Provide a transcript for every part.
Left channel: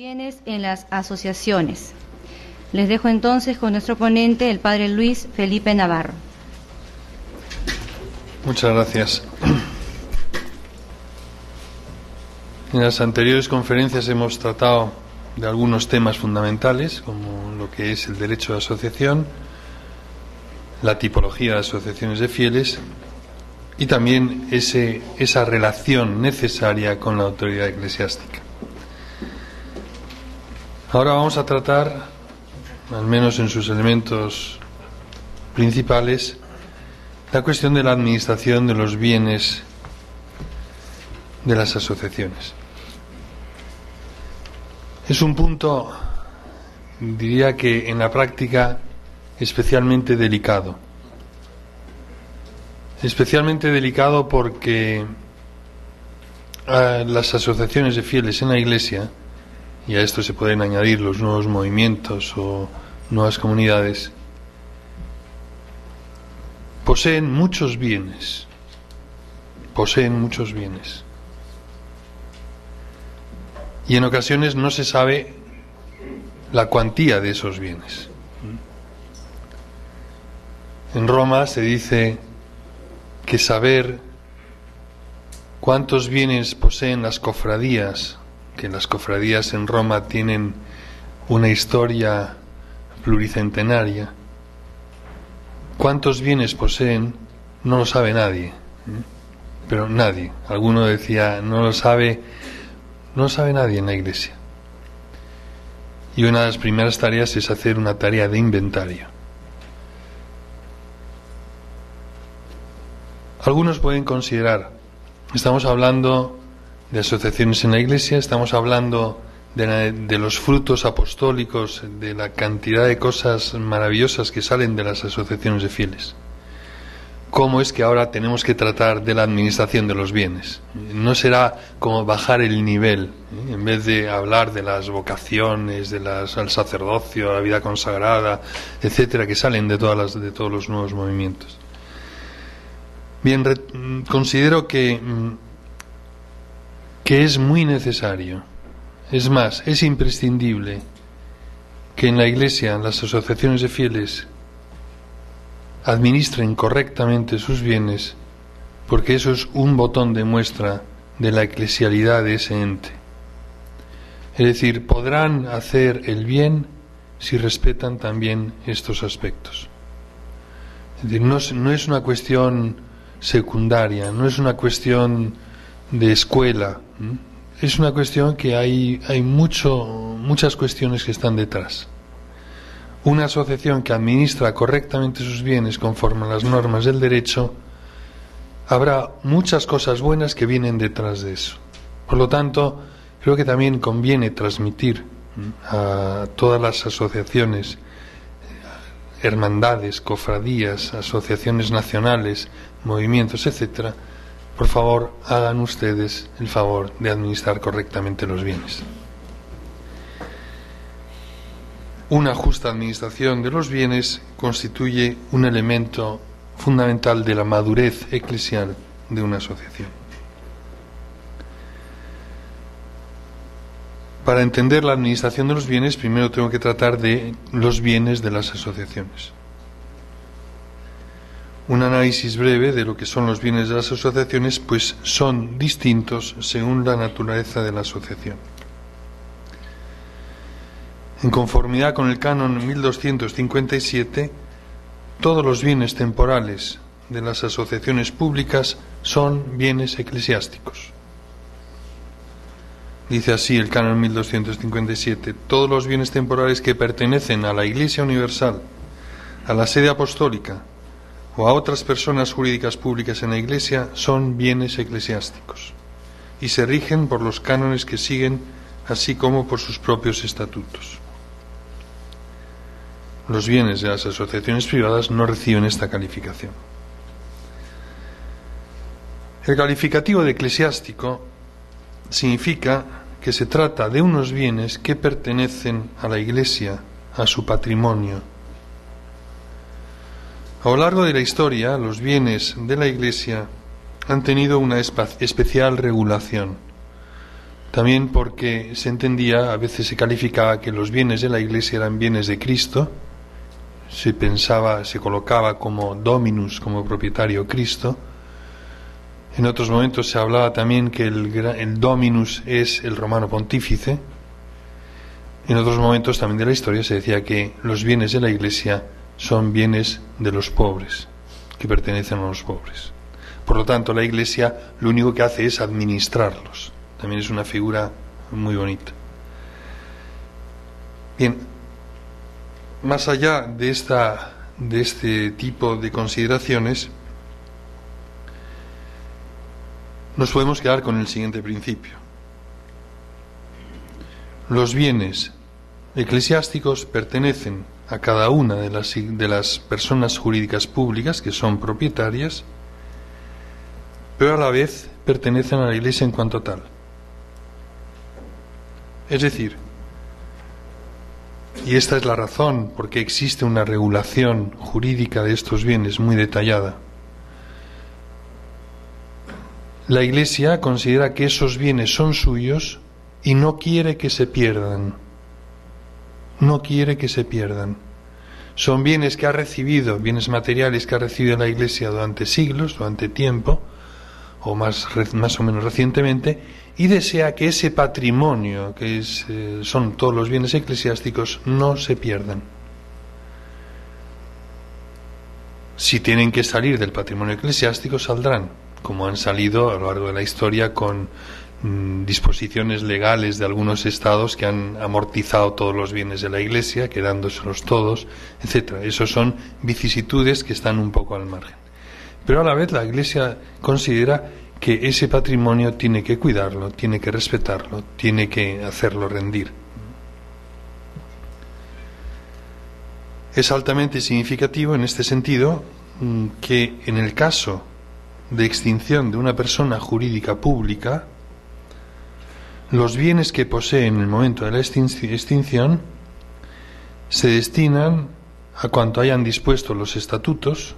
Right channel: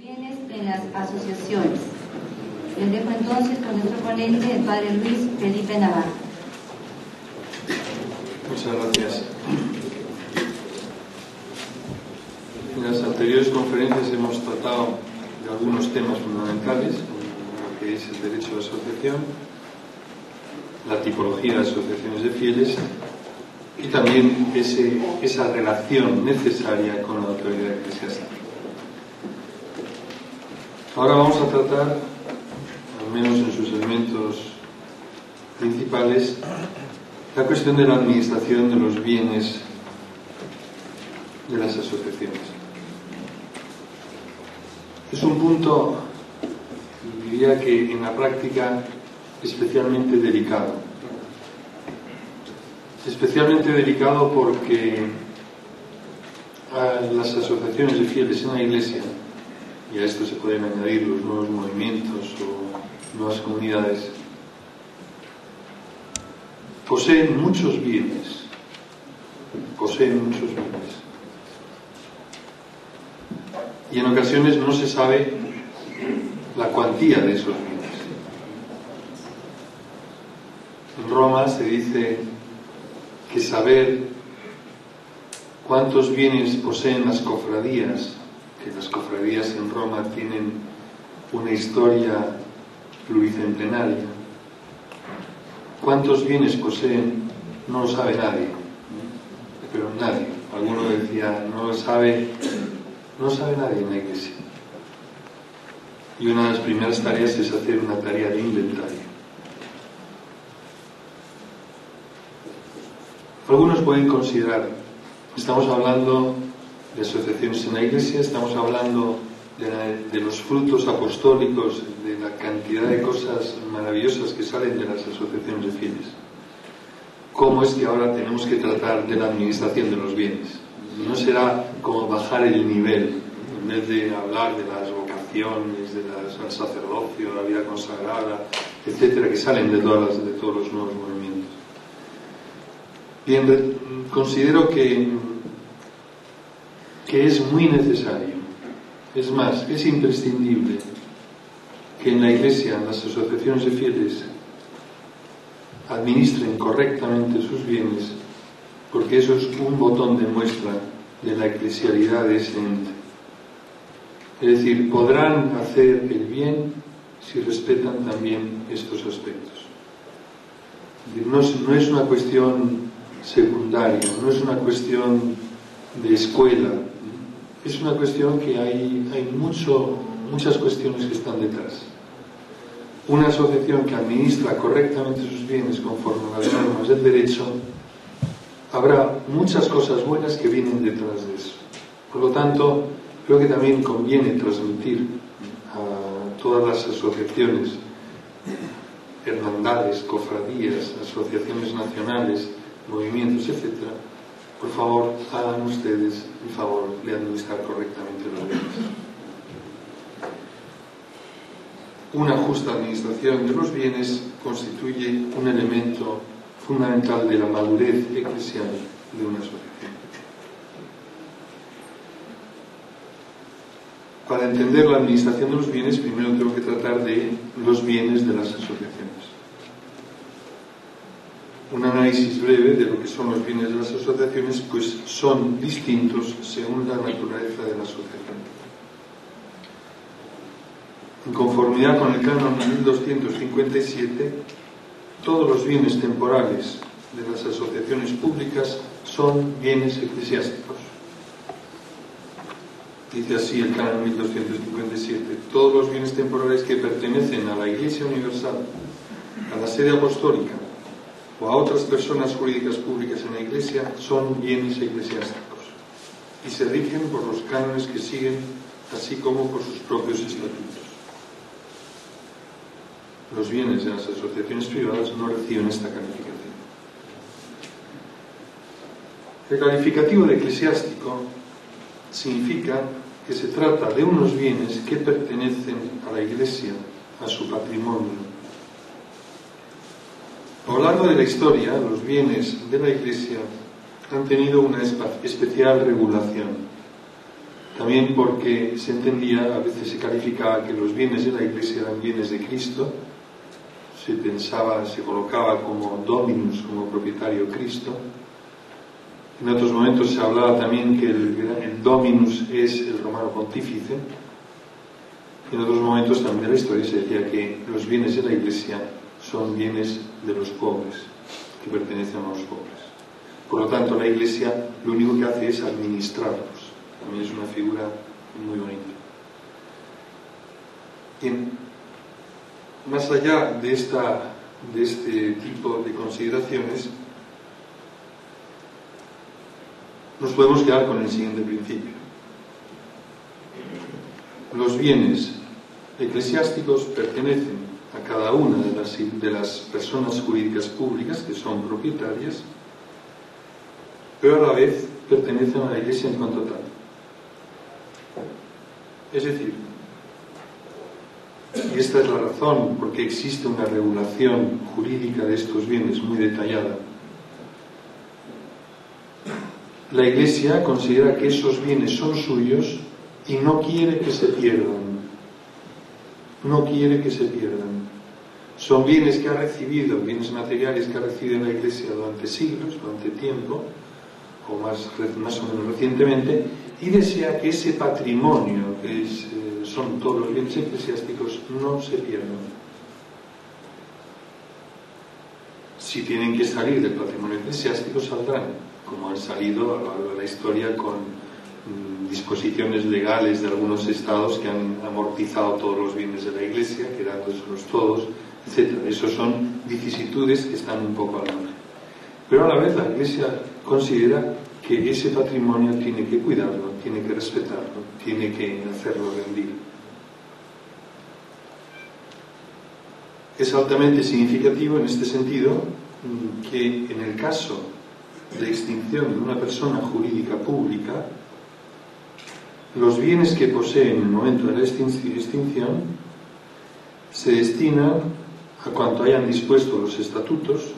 bienes en las asociaciones. Les dejo entonces con nuestro ponente, el padre Luis Felipe Navarro. Muchas gracias. En las anteriores conferencias hemos tratado de algunos temas fundamentales, como lo que es el derecho de asociación, la tipología de asociaciones de fieles y también esa relación necesaria con la autoridad eclesiástica. Ahora vamos a tratar, al menos en sus elementos principales, la cuestión de la administración de los bienes de las asociaciones. Es un punto, diría que en la práctica, especialmente delicado. Especialmente delicado porque a las asociaciones de fieles en la Iglesia, y a esto se pueden añadir los nuevos movimientos o nuevas comunidades, poseen muchos bienes. Y en ocasiones no se sabe la cuantía de esos bienes. En Roma se dice que saber cuántos bienes poseen las cofradías, que las cofradías en Roma tienen una historia pluricentenaria, cuántos bienes poseen no lo sabe nadie, pero nadie. Alguno decía, no lo sabe nadie en la Iglesia. Y una de las primeras tareas es hacer una tarea de inventario. Algunos pueden considerar, estamos hablando de asociaciones en la Iglesia, estamos hablando de los frutos apostólicos, de la cantidad de cosas maravillosas que salen de las asociaciones de fieles. ¿Cómo es que ahora tenemos que tratar de la administración de los bienes? No será como bajar el nivel, en vez de hablar de las vocaciones, al sacerdocio, a la vida consagrada, etcétera, que salen de todos los nuevos movimientos. Bien, considero que es muy necesario, es más, es imprescindible que en la Iglesia las asociaciones de fieles administren correctamente sus bienes, porque eso es un botón de muestra de la eclesialidad de ese ente. Es decir, podrán hacer el bien si respetan también estos aspectos. Es decir, no es una cuestión secundaria, no es una cuestión de escuela, es una cuestión que hay muchas cuestiones que están detrás. Una asociación que administra correctamente sus bienes conforme a las normas del derecho, habrá muchas cosas buenas que vienen detrás de eso. Por lo tanto, creo que también conviene transmitir a todas las asociaciones, hermandades, cofradías, asociaciones nacionales, movimientos, etcétera, por favor, hagan ustedes el favor de administrar correctamente los bienes. Una justa administración de los bienes constituye un elemento fundamental de la madurez eclesial de una asociación. Para entender la administración de los bienes, primero tengo que tratar de los bienes de las asociaciones. Un análisis breve de lo que son los bienes de las asociaciones, pues son distintos según la naturaleza de la asociación. En conformidad con el canon 1257, todos los bienes temporales de las asociaciones públicas son bienes eclesiásticos. Dice así el canon 1257, todos los bienes temporales que pertenecen a la Iglesia Universal, a la sede apostólica o a otras personas jurídicas públicas en la Iglesia son bienes eclesiásticos y se rigen por los cánones que siguen, así como por sus propios estatutos. Los bienes de las asociaciones privadas no reciben esta calificación. El calificativo de eclesiástico significa que se trata de unos bienes que pertenecen a la Iglesia, a su patrimonio. A lo largo de la historia, los bienes de la Iglesia han tenido una especial regulación. También porque se entendía, a veces se calificaba que los bienes de la Iglesia eran bienes de Cristo, se pensaba, se colocaba como dominus, como propietario Cristo. En otros momentos se hablaba también que el dominus es el romano pontífice. En otros momentos también de la historia se decía que los bienes de la Iglesia son bienes de los pobres, que pertenecen a los pobres. Por lo tanto, la Iglesia lo único que hace es administrarlos. También es una figura muy bonita. Bien, más allá de este tipo de consideraciones, nos podemos quedar con el siguiente principio. Los bienes eclesiásticos pertenecen a cada una de las personas jurídicas públicas que son propietarias, pero a la vez pertenecen a la Iglesia en cuanto tal. Es decir, y esta es la razón por qué existe una regulación jurídica de estos bienes muy detallada, la Iglesia considera que esos bienes son suyos y no quiere que se pierdan. No quiere que se pierdan. Son bienes que ha recibido, bienes materiales que ha recibido la Iglesia durante siglos, durante tiempo, o más o menos recientemente, y desea que ese patrimonio, que son todos los bienes eclesiásticos, no se pierdan. Si tienen que salir del patrimonio eclesiástico, saldrán, como han salido a lo largo de la historia con disposiciones legales de algunos estados que han amortizado todos los bienes de la Iglesia, quedándoselos todos, etc. Esos son vicisitudes que están un poco al margen. Pero a la vez la Iglesia considera que ese patrimonio tiene que cuidarlo, tiene que respetarlo, tiene que hacerlo rendir. Es altamente significativo en este sentido que en el caso de extinción de una persona jurídica pública, los bienes que posee en el momento de la extinción se destinan a cuanto hayan dispuesto los estatutos,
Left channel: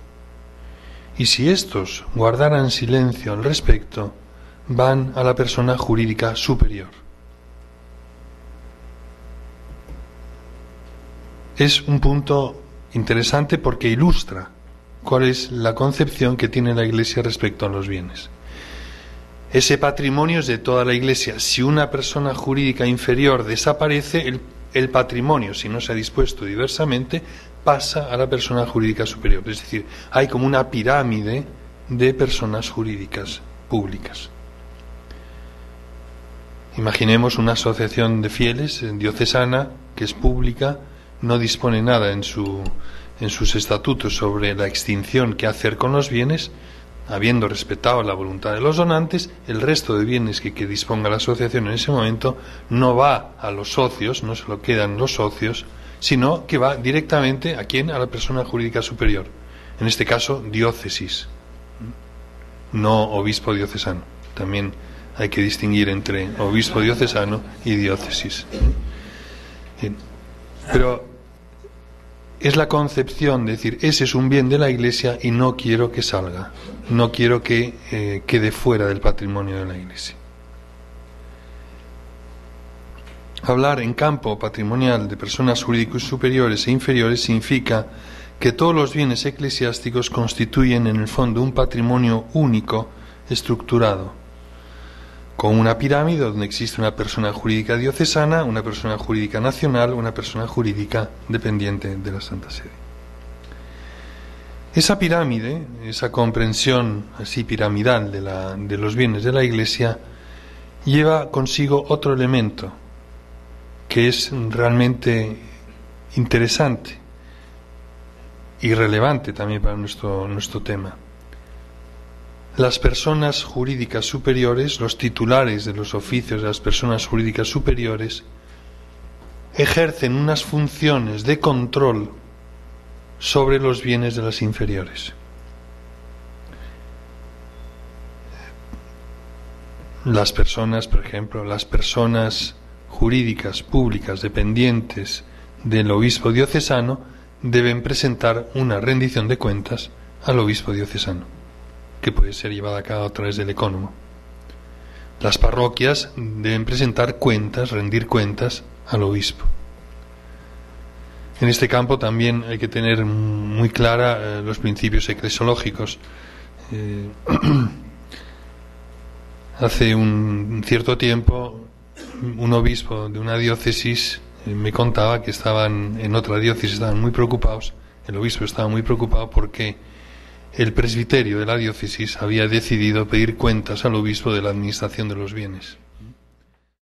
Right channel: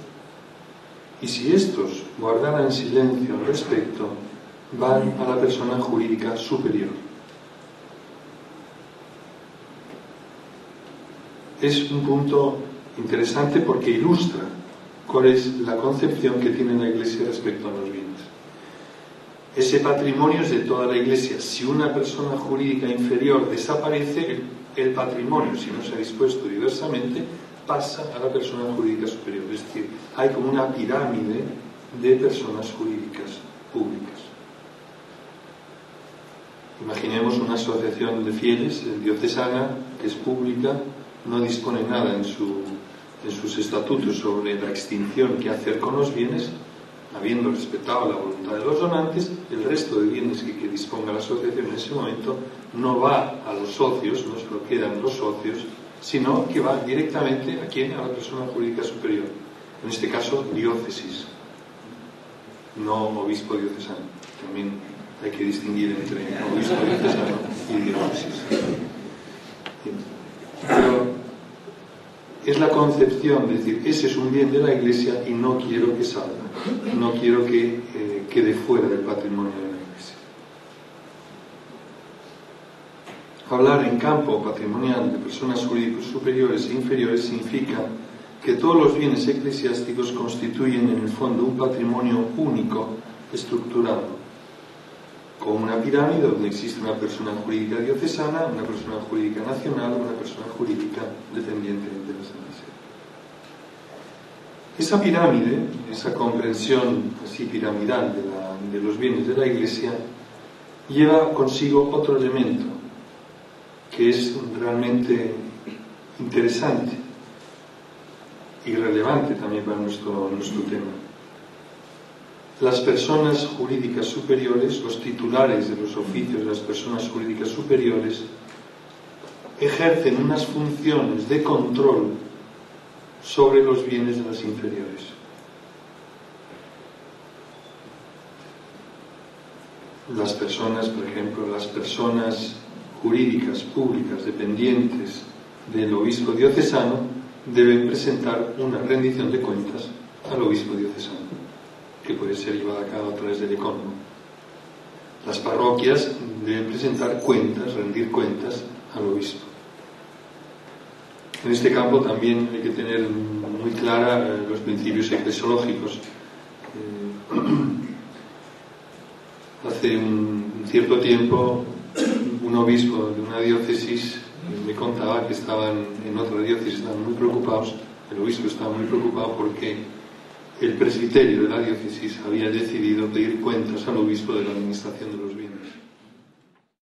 y si estos guardaran silencio al respecto, van a la persona jurídica superior. Es un punto interesante porque ilustra cuál es la concepción que tiene la Iglesia respecto a los bienes. Ese patrimonio es de toda la Iglesia. Si una persona jurídica inferior desaparece, el patrimonio, si no se ha dispuesto diversamente, pasa a la persona jurídica superior. Es decir, hay como una pirámide de personas jurídicas públicas. Imaginemos una asociación de fieles diocesana que es pública, no dispone nada en sus estatutos sobre la extinción que hacer con los bienes. Habiendo respetado la voluntad de los donantes, el resto de bienes que disponga la asociación en ese momento no va a los socios, no se lo quedan los socios, sino que va directamente ¿a quién? A la persona jurídica superior. En este caso, diócesis, no obispo diocesano. También hay que distinguir entre obispo diocesano y diócesis. Pero es la concepción de decir, ese es un bien de la Iglesia y no quiero que salga, no quiero que quede fuera del patrimonio de la Iglesia. Hablar en campo patrimonial de personas jurídicas superiores e inferiores significa que todos los bienes eclesiásticos constituyen en el fondo un patrimonio único, estructurado, con una pirámide donde existe una persona jurídica diocesana, una persona jurídica nacional, una persona jurídica dependiente de la Santa Sede. Esa pirámide, esa comprensión así piramidal de los bienes de la Iglesia, lleva consigo otro elemento que es realmente interesante y relevante también para nuestro tema. Las personas jurídicas superiores, los titulares de los oficios de las personas jurídicas superiores, ejercen unas funciones de control sobre los bienes de las inferiores. Las personas, por ejemplo, las personas jurídicas públicas dependientes del obispo diocesano deben presentar una rendición de cuentas al obispo diocesano, que puede ser llevada a cabo a través del ecónomo. las parroquias deben presentar cuentas, rendir cuentas al obispo. En este campo también hay que tener muy clara los principios eclesiológicos. Hace un cierto tiempo, un obispo de una diócesis me contaba que estaban en otra diócesis, estaban muy preocupados, el obispo estaba muy preocupado porque el presbiterio de la diócesis había decidido pedir cuentas al obispo de la administración de los bienes.